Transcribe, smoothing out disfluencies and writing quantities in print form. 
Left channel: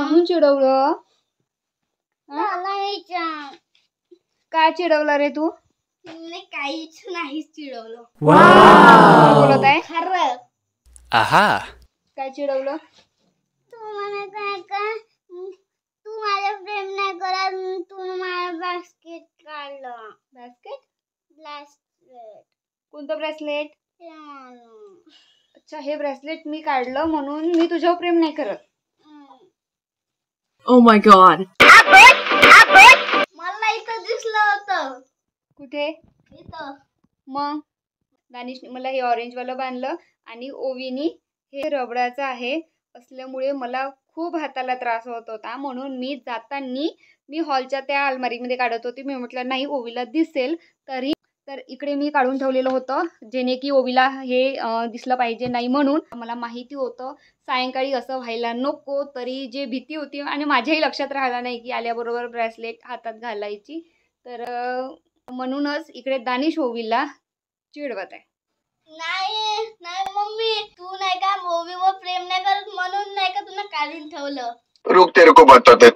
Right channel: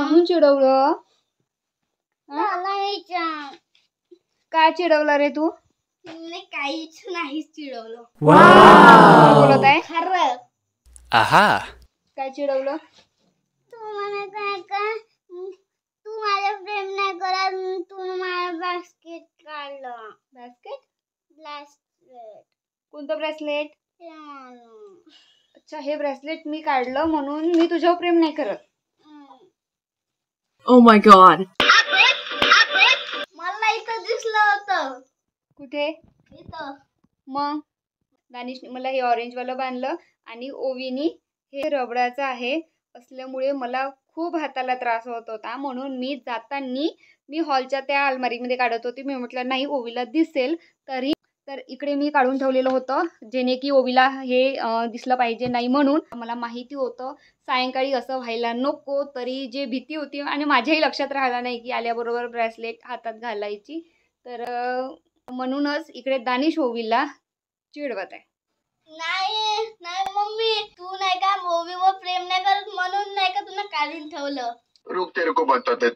म्हणून चिडवलं? काय चिडवलं रे तू? काहीच नाही चिडवलं. काय बोलत आहे? खरं. आहा. काय चिडवलं? तू मला काय का तू माझ्या प्रेम नाही करत, तू माझं बास्केट काढलं. ब्रेसलेट. कोणतं ब्रेसलेट? अच्छा, हे ब्रेसलेट मी काढलं म्हणून मी तुझ्यावर प्रेम नाही करत. Oh my god. मला इथं दिसलं होतं. कुठे? इथं. मग दानिशने मला हे ऑरेंज वाला बांधलं आणि ओवीनी हे रबडाचं आहे असल्यामुळे मला खूप हाताला त्रास होत होता, म्हणून मी जाताना मी हॉलच्या त्या अलमारीमध्ये काढत होती. मी म्हटलं नाही ओवीला दिसेल तर इकडे मी काढून ठेवलेलं होतं जेणे की ओवीला हे दिसलं पाहिजे नाही, म्हणून मला माहिती होतं सायंकाळी असं व्हायला नको. तरी जे भीती होती आणि माझ्याही लक्षात राहिलं नाही की आल्याबरोबर ब्रेसलेट हातात घालायची, तर म्हणूनच इकडे दानिश ओवीला चिडवत आहे. नाही मम्मी, तू नाही का ओवीवर प्रेम नाही करत म्हणून नाही का तुला काढून ठेवलं. रुक तेरे को बताते.